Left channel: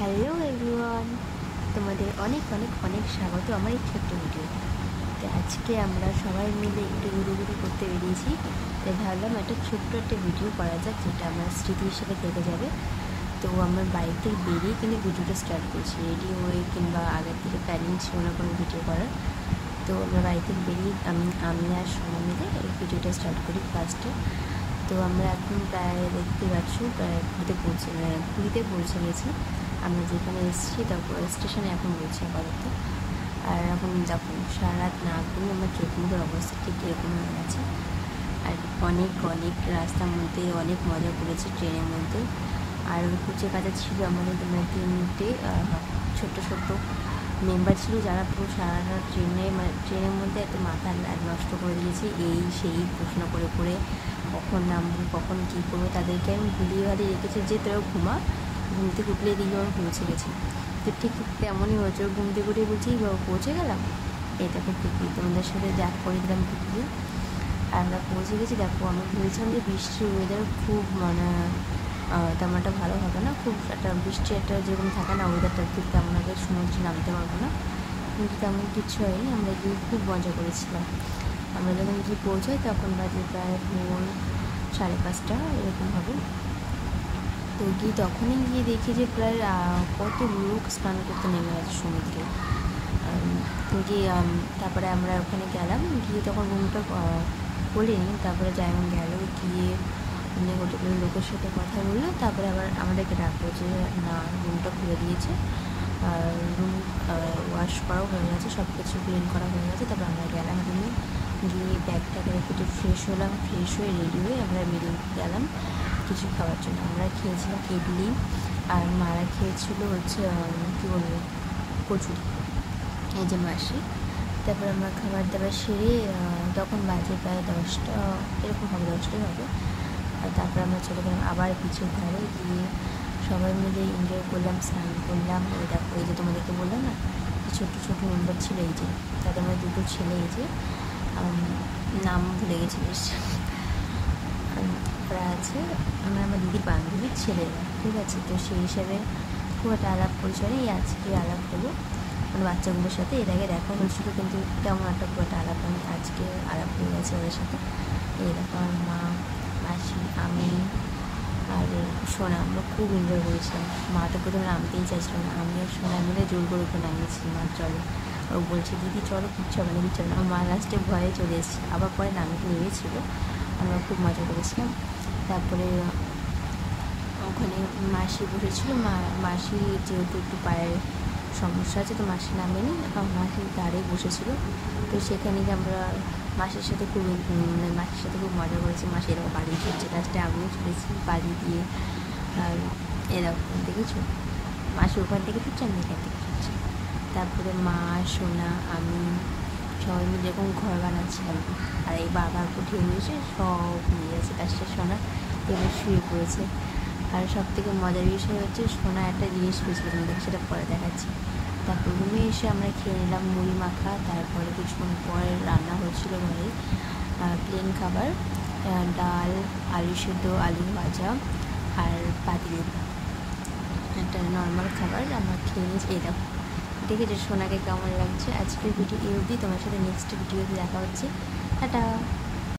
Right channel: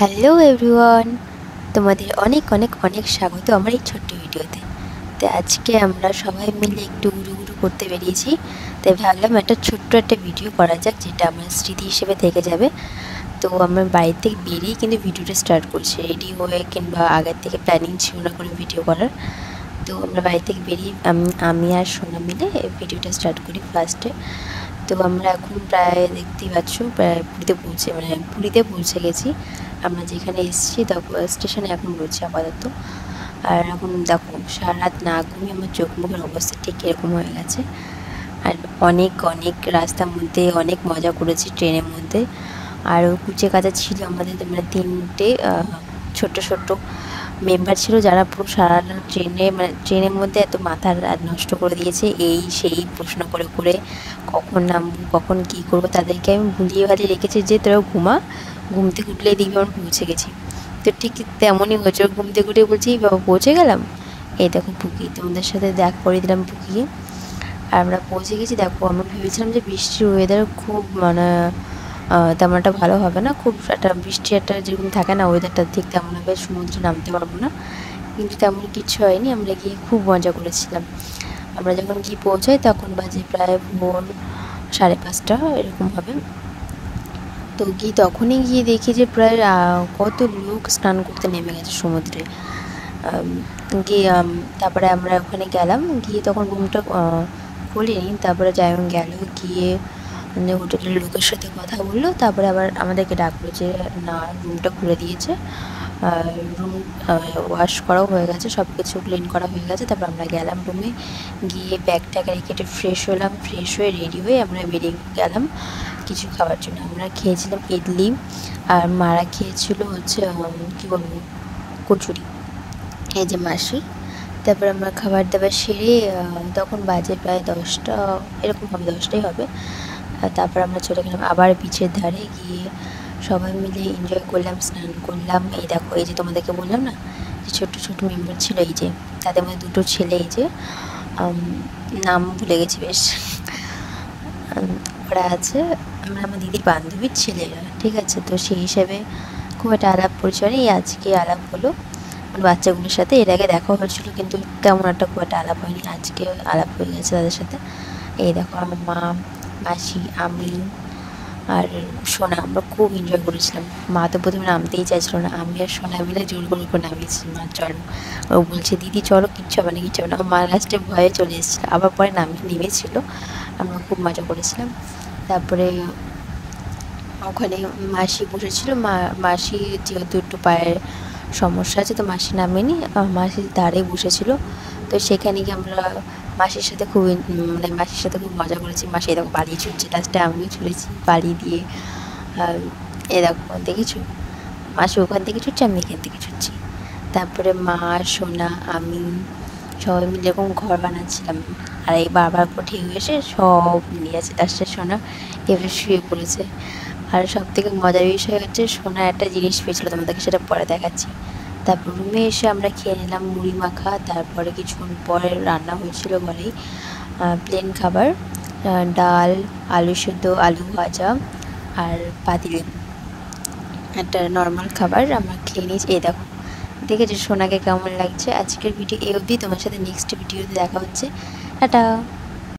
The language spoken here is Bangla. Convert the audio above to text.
হ্যালো এভরিওয়ান, তোমাদের অনেক অনেক অনেক স্বাগত আমার এই ছোট্ট ভিডিওতে। তো আজকে আমরা সবাই মিলে একটু ঘুরু করতে বেরিয়েছি, তাই ভাবলাম একটা ছোট্ট একটা ভিডিও করা যাক, যেটা আমার স্মৃতি হিসেবে থেকে যাবে। তো আমার বাড়ি থেকে বেরিয়ে কিন্তু ভিডিওটা স্টার্ট করছি, রেডি হয়ে কিংবা আগের থেকে প্ল্যানিং ছিল না কোনো ভিডিও করার। তো আমরা বাড়ি থেকে বেরিয়ে আমি আর সোনা মিলে ভিডিওটা স্টার্ট করি ফার্স্টে। তো আমরা এখন প্রায় দেখতেই পাচ্ছ প্রায় পুরীতে পৌঁছে গেছি। আমরা যেখানে এসেছি তারপর স্টেশনে এখন রয়েছে আপাতত। আর এখন দেখো সারা রাত না ঘুমিয়ে আমার চোখ মুখের অবস্থা ঠিক এরকম হয়ে গেছে। আর অনেক অনেক রাস্তার মধ্যে অনেক মজা করেছি ট্রেনের মধ্যে। আর কুচে কাজা ছিল আমাদের, তোমরা তিনটে ছোট্ট ছোট্ট মেম্বার ছিল, যারা পুরো সারা ট্রেনের মধ্যে এত মাথার নষ্ট করে দিয়েছে, এই সেই প্রশ্ন করে করে কখন নামবো কখন কী করবো। তাদেরকে আমি ভুলিয়ে ভালিয়ে রেখেছি যে তোরা ঘুম থেকে উঠলেই দেখবি আমরা পৌঁছে গেছি। তো ঠিক তেমনই হয়েছে, ঘুম থেকে উঠে বলছি বাবা পৌঁছে গেলাম। এই দেখো পুকি, তোমাদের সাথে দেখা করে দিলাম পুকিকে। আর আমরা পৌঁছে গেছি। দেখো আমরা ভেবেছিলাম যে বৃষ্টির ওয়েদার খুব তেমন একটা ভালো হবে না, খুব একটা বৃষ্টি একটা যেরকম থাকে না ওয়েদারটা ঠিক তেমন হবে, সমুদ্রে নামতে পারবো না। কিন্তু তেমন কিছু হয়নি, আমরা গিয়ে খুব মজা করেছিলাম। আমরা যখন গিয়ে পৌঁছাই তখন বাজে প্রায় ভোর 5:30 এরকম হবে। তো তখনই গিয়ে দেখি যে প্রায় কত লোক স্নান করতে নেমে গেছে সমুদ্রে। গিয়ে তারপরে আমরা ওখানে গেলাম, গিয়ে তখন রুমটা খুলিনি। তারপরে যাই গেল, গিয়ে হোটেলের লোকের সাথে কথা বললো, তারপরে আবার আমাদেরকে ডাকলো যে না রুমটা খুলে দিয়েছে। রুম ওয়াশ করাও হয়ে গেছে, সব কিছু ক্লিন করা হয়ে গেছে। তারপর আমরা গেলাম রুমে, গিয়ে ব্যাগটাকে রেখে একটু ফ্রেশ হলাম, ফ্রেশ হয়ে রেডি হয়ে আমরা বেরিয়ে গেলাম কিছু খাবার জন্য। আমরা খেয়েছিলাম ইডলি, আর মারা খেয়েছিল হচ্ছে কী বলবো কচুরি, এই যে মাসি। তারপর আমরা খাবার দাবার সেরে তখন বাজে প্রায় 10টা এরকম হবে, 10টাই হবে। আর তারপর আমরা চলে গেলাম আবার বিচের ধারে, গিয়ে সবাই মিলে এনজয় করলাম, স্নান করলাম। এই দেখো, এই যে তোমাদেরকে বললাম না যে ছোট্ট ছোটো মেম্বার ছিল, এই যে তাদের মধ্যে দুটো ছেলে, এই যে নাম ভুলে গেছি বেশ, ওরা আছে। আমরা আমার দিদির বান্ধবীর ছেলেরা, ঠিক আছে। তো সেই হিসেবে খুব একটা আলাপ পরিচয় নেই, আজকে আলাপ হলো বাচ্চাগুলোর সাথে। এর আগে দেখা হয়েছিল কিন্তু তেমন একটা খুব একটা আলাপ হয়নি, আজকে আলাপ হয়ে গেছে তাদের সাথে। এই দেখো আমার মা, মাসি, আমি আর সোনা, আমরা খুব এনজয় করেছিলাম। মা তো প্রথমে নামতেই চাইছিল না, আমি আর সোনা মিলে জোর করে করে নামিয়েছি, মা চলো। ও বলছে দিদি চলো, কিচ্ছু হবে না কিচ্ছু হবে না। মা লাস্টে ভয়ে চলে এসেছিলো, আবার পরে নেমেছিল। আমরা খুব মজা করেছিলাম। তারপরে ওখানে মাসি বসেছিল, মাসি যেহেতু একটু পায়ের সমস্যা আছে তো মাসি নামেনি, মাসি দাঁড়িয়ে বসেছিল। তো সেখানে গিয়ে আমরা মাসির সাথে মাসির সাথে খুব মজা করেছি। মাসি এরকম বাড়ি ছুটছে, লাস্টে আমিও ছুটেছি বাড়ি দিয়ে। আর এরকম দেখেছো, মাসি ওখান থেকে ছুটছে, আমি এখান থেকে ছুটছি। তারপরে মা, সোনা, আমি সবাই মিলে এরকম ঘর বানাচ্ছিলাম। আর এই বারবার ঢেউ এসে সব নিয়ে আছে, লাস্টে সোনা এবার শুয়ে পড়েছে। আর সব থেকে মজার বিষয় হচ্ছে সোনা একটা জিনিস পেয়েছিলো, তোমাদেরকে সেটা পরে দেখাচ্ছি। তারপর রুমে এসে আমরা খেয়ে নিলাম মুড়ি মাখা। তারপরে কিছুক্ষণ পরে রান্না হয়েছিল ঘরেই প্লেন খাবার, ডাল, আলু সেদ্ধ, আলু ভাজা আর পাতিলেবু, একটা নর্মাল খাবার আমরা খেয়ে নিয়েছি। এই দেখো, দেখেছি সোনাকে কেমন লাগছে। আজকের ভিডিও এই অবধি, তোমার সাথে নেক্সট ভিডিওতে দেখা হচ্ছে, টাটা।